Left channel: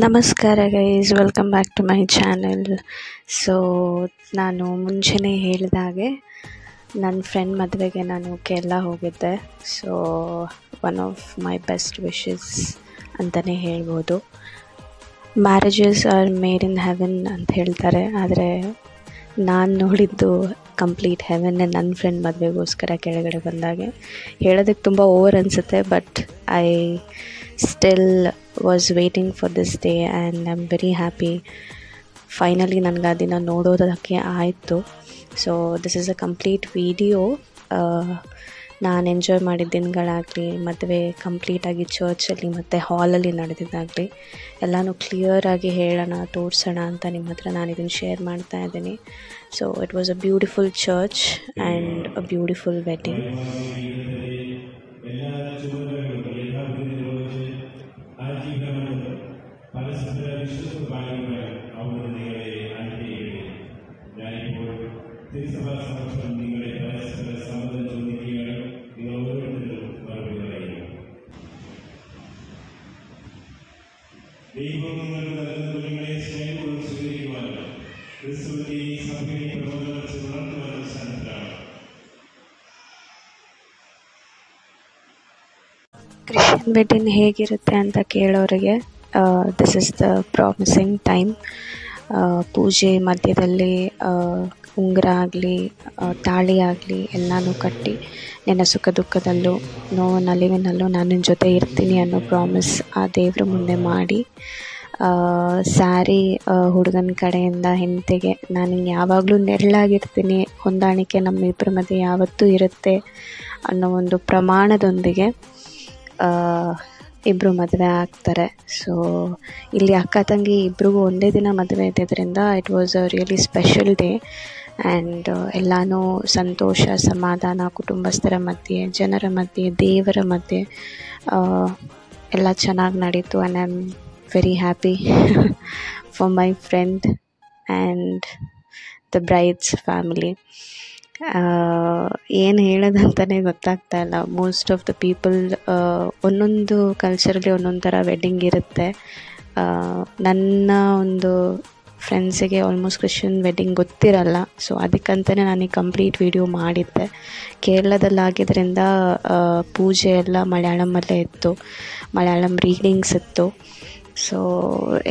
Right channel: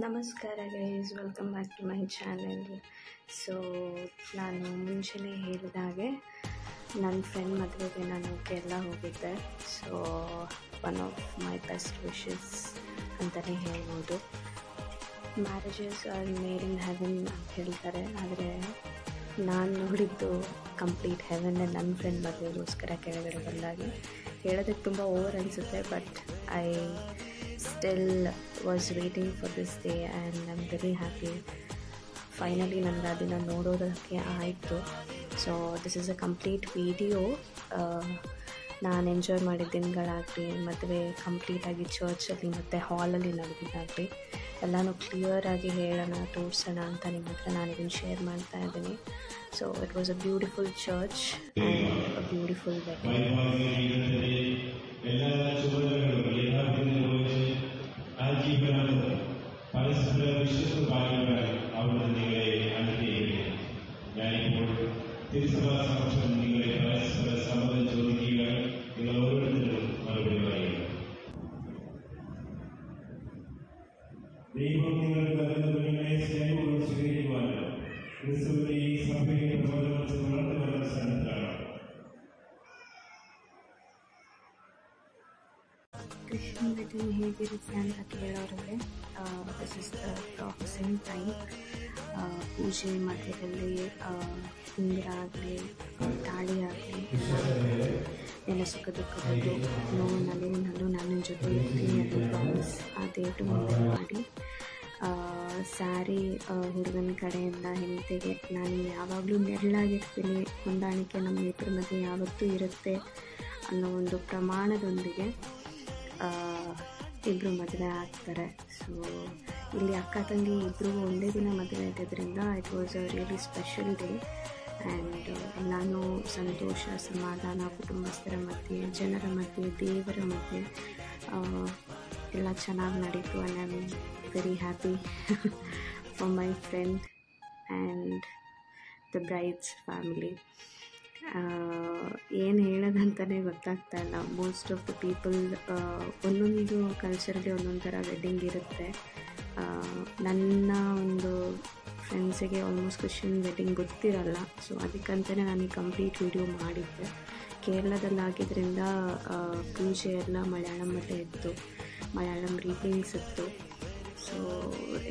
ನಮಸ್ಕಾರ guys, welcome back to my channel. So ನಾನು ಮುಂಚೆನೇ ಹೇಳಿದಾಗೆ ನನ್ನ ಫ್ರೆಂಡ್ ಮದುವೆಗೆ ನಾನು ಕೇರಳ ಹೋಗಿದ್ದೆ. So one of my best wishes ಅಂತಲೇ ಹೇಳ್ಬೋದು. Marriages are made in heaven ಅಂತ ಹೇಳ್ತಾರೆ, ಆದರೆ ನಾನು ನೋಡಿದ್ದು ಕಂಪ್ಲೀಟ್ ಹೆವೆನ್ನೇ ನನ್ನ ಫ್ರೆಂಡ್ ಮದುವೆಗೋಸ್ಕರ ಕೆಳಗಡೆ ಬಂದಾಗೆ. ಹೇಳೋದಕ್ಕೆ ತುಂಬ ಓವರ್ ಅನಿಸುತ್ತೆ, but I still was waiting for this day and I am very happy. Finally ನನಗೆ ಆ ದಿನ ನೋಡೋದಕ್ಕೆ ಆಯಿತು. So this is a complete video. ನಾನು ಎಂಜಾಯ್ ಮಾಡಿದ ದಿನಗಳಾಗಲಿ, ಮದುವೆ ಕಂಪ್ಲೀಟಾಗಿ ಚರ್ಚಲ್ಲಿ ಮತ್ತು ಹಾಲಲ್ಲಿ ನಡೆದಿದ್ದಾಗಲಿ ಎಲ್ಲನೂ ಕ್ಲಿಯರಾಗಿ ಹೇಳೋಣ, ತೋರಿಸೋಣ ಅಂತ ನಿಮ್ಮ ಹತ್ರ ನಾನು ಇದನ್ನು ಶೇರ್ ಮಾಡ್ತಾ ಇದ್ದೀನಿ. So it was a beautiful church and a beautiful wedding. ദൈവം നിങ്ങൾക്ക് നൽകുന്ന കുഞ്ഞുങ്ങളെ സ്നേഹപൂർവ്വം സ്വീകരിക്കുവാനും ക്രിസ്തുവിന്റെ ഈ സഭയെ പ്രബോധനം വളർത്തുവാനും സന്നദ്ധരാണ്. ಕ್ರಿಶ್ಚಿಯನ್ ವೆಡ್ಡಿಂಗ್ ಹೇಗಿರುತ್ತೆ ಅಂತ ಕೇಳೋರಿಗೆ this is the promising time. ಪೂಜೆ ಮಧ್ಯದಲ್ಲಿ ಉಂಗುರ ಆಗಲಿ, ತಾಳಿ ಆಗಲಿ ಎಲ್ಲನೂ ಕಟ್ಟಿ ನಿನ್ನ ಸುಖ ದುಃಖದಲ್ಲೂ ನೋವು ನಲಿವಿನಲ್ಲೂ ನಾನು ನಿನ್ನ ಜೊತೆ ಇರ್ತೀನಿ ಅನ್ನೋ ಪ್ರಾಮಿಸ್ ಆ ದೇವ್ರ ಮುಂದೆ ಮಾಡಿ, ಸ್ಯಾರಿ ಹುಡುಗನ ಕಡೆಯಿಂದ ಹೆಂಡತಿಗೆ ನಾನು ಯಾವಾಗಲೂ ನೆರಳಾಗಿರ್ತೀನಿ, ಹೊಂದಾಣಿಕೆ ನಮ್ಮಿಬ್ಬರ ಮಧ್ಯೆ ಯಾವತ್ತೂ ಇರುತ್ತೆ ಅನ್ನೋ ಒಂದು ಪ್ರಮಾಣದೊಂದಿಗೆ ಇಬ್ಬರು ಮದುವೆ ಆಗ್ತಾರೆ. ಸೊ ಇಲ್ಲಿ ಅಕ್ಕ ತಂಗಿ ಇಬ್ರಿಗೂ ಒಂದೇ ದಿನ ಮದುವೆ ಇದ್ದಿದ್ದರಿಂದ it was a really special day. And ಎಲ್ಲನೂ ಸಂತೋಷ, ಸಮಾಧಾನ, ಕುಟುಂಬಸ್ಥರ ಮಧ್ಯೆ, ಜನರ ಮಧ್ಯೆ, ದೇವರ ಮಧ್ಯೆ ಎಲ್ಲ ಚೆನ್ನಾಗಿ ನಡೀತು. And I am very happy for my friend and the Bryde's family. ಏನು ಹೇಳೋದಂತಲೇ ಗೊತ್ತಾಗ್ತಾ ಇಲ್ಲ. ಮೋಸ್ಟ್ ಆಫ್ ದ ಪೀಪಲ್ ಒಂದೊಂದು ಕಲ್ಚರಲ್ಲಿ ಒಂದೊಂದು ಥರ ವೆಡ್ಡಿಂಗ್ ಇರುತ್ತೆ. ನನ್ನ ಒಂದು ಫ್ರೆಂಡ್ಸಿಗೆ ಆಲ್ಮೋಸ್ಟ್ ಕ್ರಿಶ್ಚಿಯನ್ ವೆಡ್ಡಿಂಗ್ ಗೊತ್ತಿರಲ್ಲ. ಸೊ ಅದಕ್ಕಂತಲೇ ನಾನು ಈ ಕಂಪ್ಲೀಟ್ ವಿಡಿಯೋ ಮಾಡಿದ್ದೆ. ಕೇರಳದಲ್ಲಾಗಿದ್ದರಿಂದ ಪೂಜೆ ಎಲ್ಲ ಮಲಯಾಳಮಲ್ಲೇ ಇತ್ತು, ಮಲಯಾಳಂ ರೀಡಿಂಗ್ಸ್ ಇತ್ತು. ಸೊ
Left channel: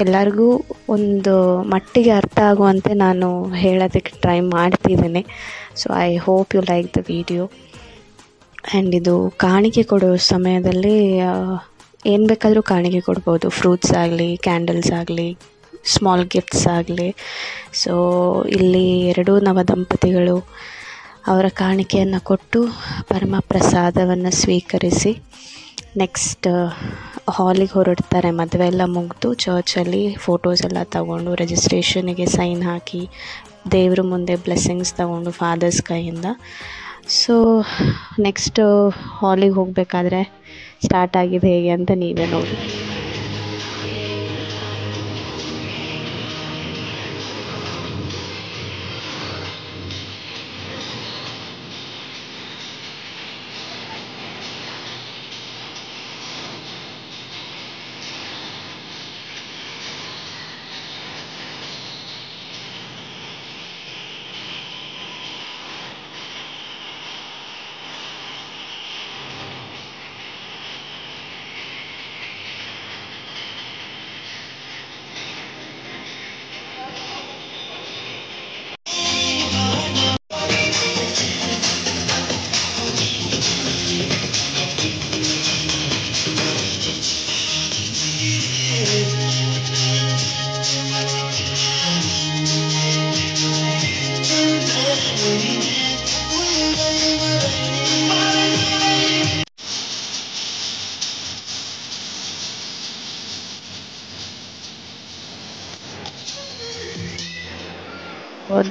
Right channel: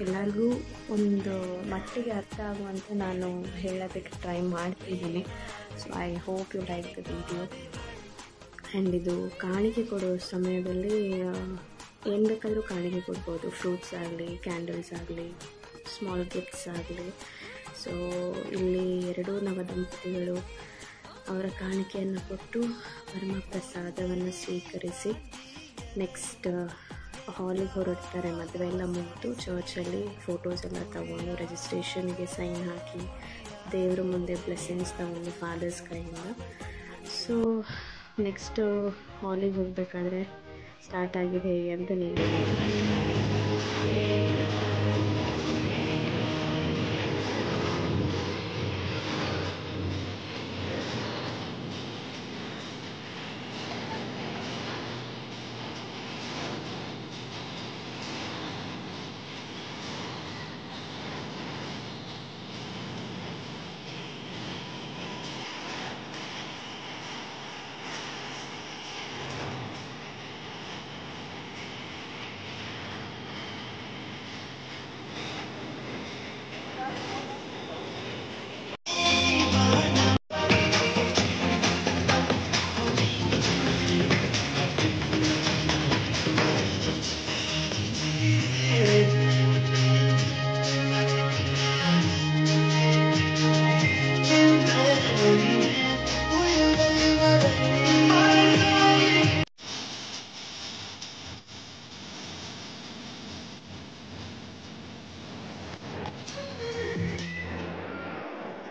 ಎಲ್ಲರಿಗೂ ಒಂದು ಮಟ್ಟಿಗೆ ಅರ್ಥ ಆಗುವಂತೆ ನಾನು ಹೇಳೋದಕ್ಕೆ ಟ್ರೈ ಮಾಡ್ತಿದ್ದೀನಿ. So I hope you like the video. And ಇದು ಕಾಣಿಕೆ ಕೊಡೋ ಸಮಯದಲ್ಲಿ ಏನು ಬೇಕಾದರೂ ಕಾಣಿಕೆ ಕೊಡ್ಬೋದು. ಫ್ರೂಟ್ಸ್ ಆಗಲಿ, ಕ್ಯಾಂಡಲ್ಸ್ ಆಗಲಿ, ಸ್ಮಾಲ್ ಗಿಫ್ಟ್ಸ್ ಆಗಲಿ. ಸೊ ಇಲ್ಲಿ ಎರಡೂ ನವದಂಪತಿಗಳು ಅವರ ಕಾಣಿಕೆಯನ್ನು ಕೊಟ್ಟು ಪರಮ ಪ್ರಸಾದವನ್ನು ಸ್ವೀಕರಿಸಿ ನೆಕ್ಸ್ಟ್ ಹಾಲಿಗೆ ಹೊರಡ್ತಾರೆ. ಮದುವೆ ಎಲ್ಲ ಮುಗಿದು ಚರ್ಚಲ್ಲಿ ಫೋಟೋಸ್ ಎಲ್ಲ ತಗೊಂಡು ರಿಜಿಸ್ಟ್ರೇಷನಿಗೆ ಸೈನ್ ಹಾಕಿ ದೇವ್ರ ಮುಂದೆ ಬ್ಲೆಸ್ಸಿಂಗ್ಸ್ ತಗೊಂಡು ಫಾದರ್ಸ್ ಕೈಯಿಂದ. ಸೊ ನೆಕ್ಸ್ಟ್ ಹಾಲಿಗೆ ಹೋಗಬೇಕಾದ್ರೆ ಸ್ಟಾರ್ಟ್ ಆಗಿದೆ ಹೇಗೆ ಅಂತ ನೀವೇ ನೋಡಿ.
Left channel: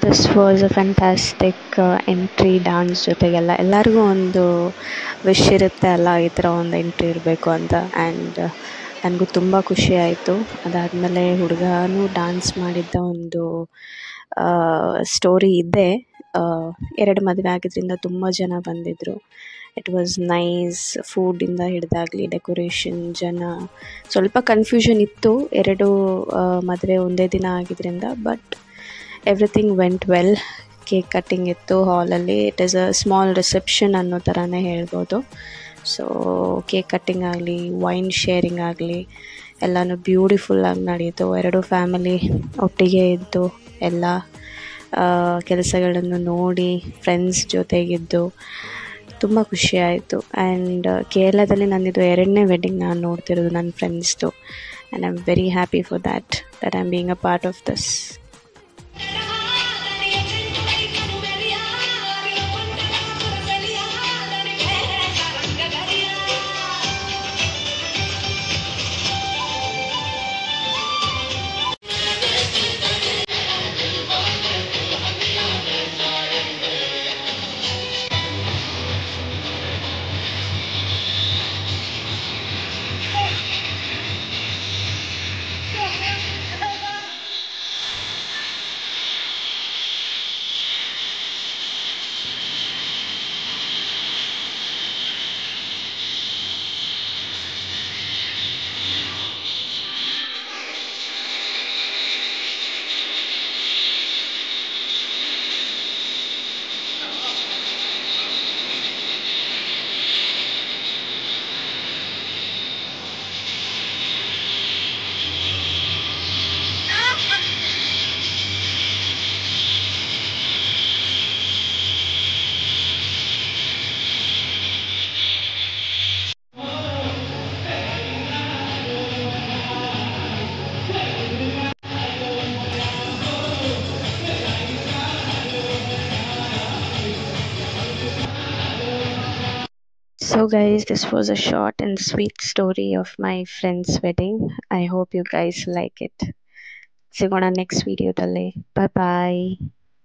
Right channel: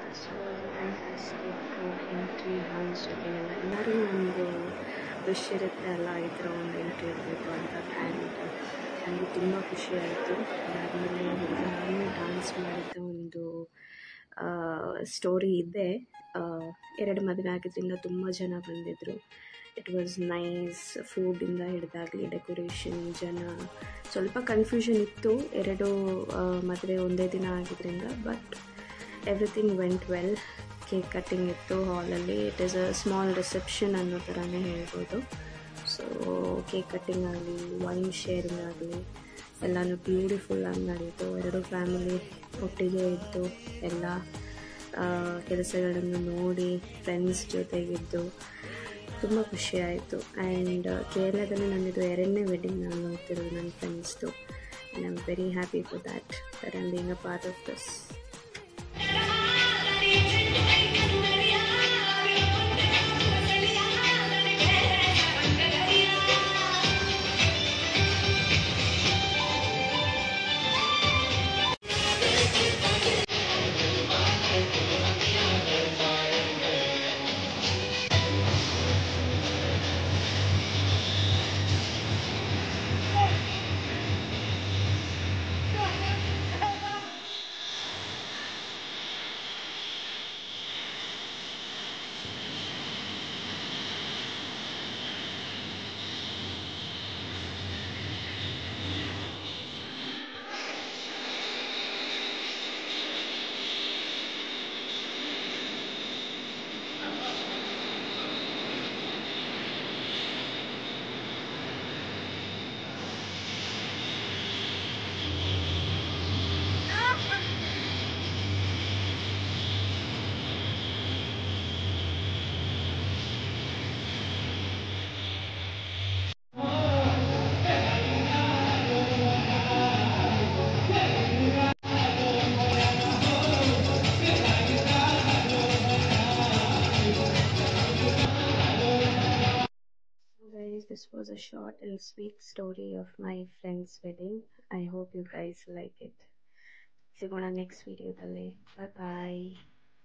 This was a fantastic entry. Dance ಜೊತೆಗೆಲ್ಲ ಎಲ್ಲರಿಗೂ ಒಂದು ವಿಶ್ ಇರುತ್ತೆ ಅಲ್ಲ, ಈ ಥರ ಒಂದು ಎಂಟ್ರಿ ಇರಬೇಕು ಅಂತ. ಆ್ಯಂಡ್ ನನಗೂ ತುಂಬ ಖುಷಿ ಆಯಿತು. ಅದಾದಮೇಲೆ ಹುಡುಗನೂ ಡ್ಯಾನ್ಸ್ ಮಾಡಿದ್ದ ಒಂದು ಸ್ಟೋರಿ ಇದೆ. ಎರಡು ಮದುವೆ ಆಗಿದ್ದರಿಂದ ತುಂಬ ಜನ ಬಂದಿದ್ದರು. It was nice. ಫುಡ್ಡಿಂದ ಹಿಡಿದಾಗಲಿ ಡೆಕೋರೇಷನ್, ಜನ, ಸ್ವಲ್ಪ ಕನ್ಫ್ಯೂಷನ್ ಇತ್ತು ಎರಡು ಮದುವೆ ಒಂದೇ ದಿನ ಆಗಿದ್ದರಿಂದ, but everything went well. Cake cutting ಇತ್ತು ಹಾಲಲ್ಲಿ. It is a small reception ಅನ್ನೋ ಥರನೇ ಹೇಳ್ಬೋದು. ಸೊ ಕೇಕ್ ಕಟ್ಟಿಂಗ್ ಆಗಲಿ, ವೈನ್ ಶೇರಿಂಗ್ ಆಗಲಿ ಎಲ್ಲನೂ ಬ್ಯೂಟಿಫುಲ್ಲಾಗಿ ನಡೆಯಿತು. ಎರಡು ಫ್ಯಾಮಿಲಿ ಒಟ್ಟಿಗೆ ಇದ್ದು ಎಲ್ಲ ಕೆಲಸಗಳನ್ನು ನೋಡಿ ಫ್ರೆಂಡ್ಸ್ ಜೊತೆಗಿದ್ದು ತುಂಬ ಖುಷಿಯಾಯಿತು. ಆ್ಯಂಡ್ ಕೇರಳದಲ್ಲಿ ನನ್ನದು ಎರಡನೇ ವೆಡ್ಡಿಂಗ್ ನಾನು ನೋಡ್ತಿರೋದು ನನ್ನ ಫ್ರೆಂಡ್ಸ್ದು. And I am very happy for that I am being a part of this. So guys, this was a short and sweet story of my friend's wedding. I hope you guys like it. ಸಿಗೋಣ next ವಿಡಿಯೋದಲ್ಲಿ. ಬಾಯ್ ಬಾಯ್.